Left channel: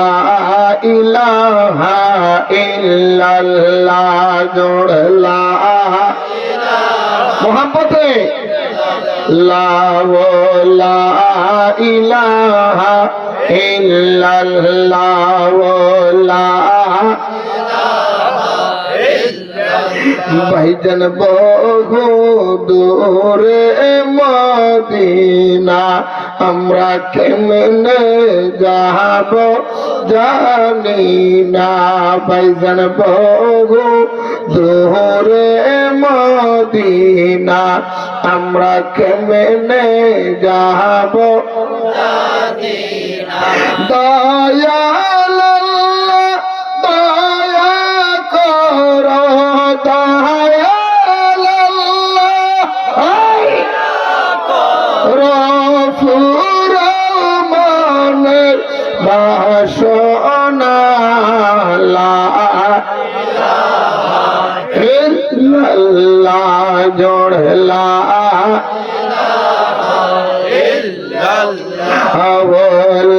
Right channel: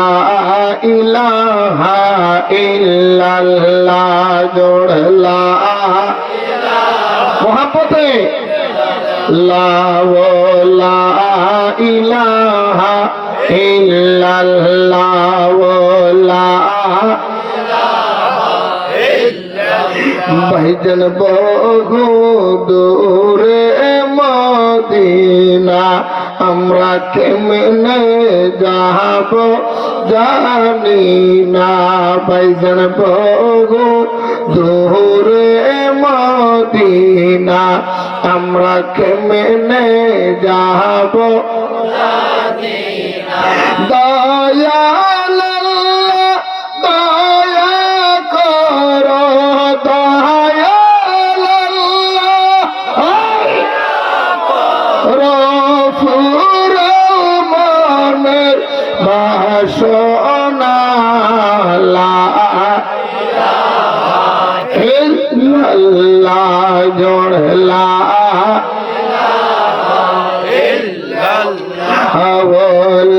লা ইলাহা ইল্লাল্লাহ জোড়ে লা মোহাব্বতে লা ইলাহা ইল্লাল্লাহ লা ভাইজান বহু দূরে মদিনা আমরা কেমনে যাব জানি না ভাইজান বহু দূরে মদিনা আমরা কেমনে যাব দয়াল দয়া করো দয়াল রফুর মনের বাসনা লা ইল্লাল্লাহ জোড়ে লা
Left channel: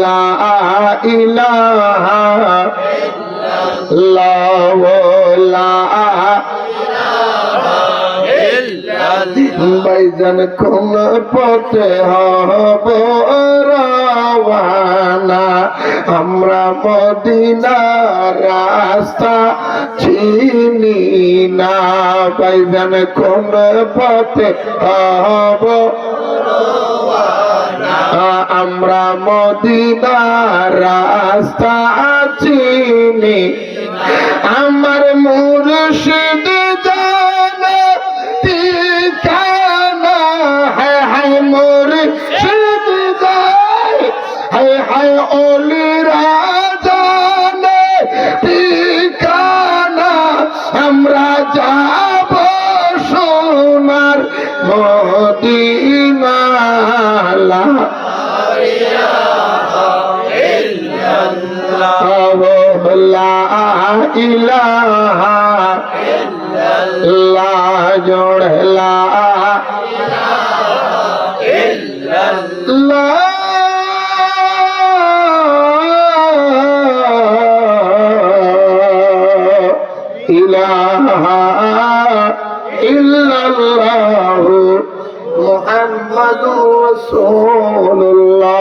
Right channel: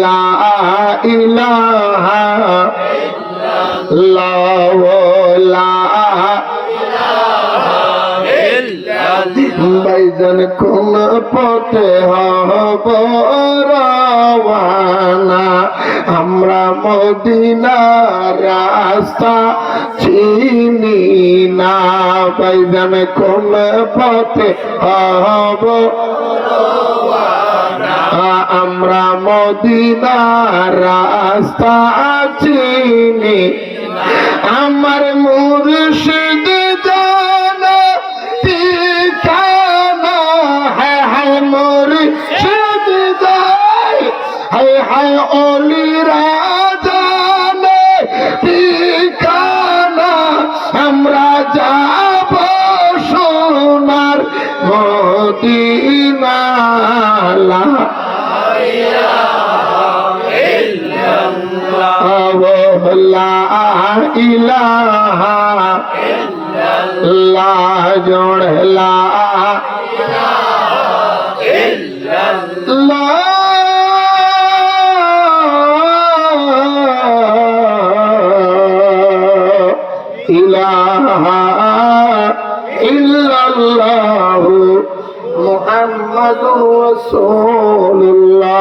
লা ইলাহা ভাইজান কোন পথে হব রওয়ানা আমরা মদিনার রাস্তা চিনি না ভাইজান কোন পথে হব আমরা মদিনার রাস্তা চিনি আমার মুর্শিদ জানে ঠিকানা হায় মুর্শিদ যায় হায় ওলিরা জানে ঠিকানা আমরা যাব সোনার মদিনা লা ইলাহা ইল্লাল্লাহ জোড়ে লা ইলাহা ইল্লাল্লাহ মুহাম্মাদুর রাসূলুল্লাহ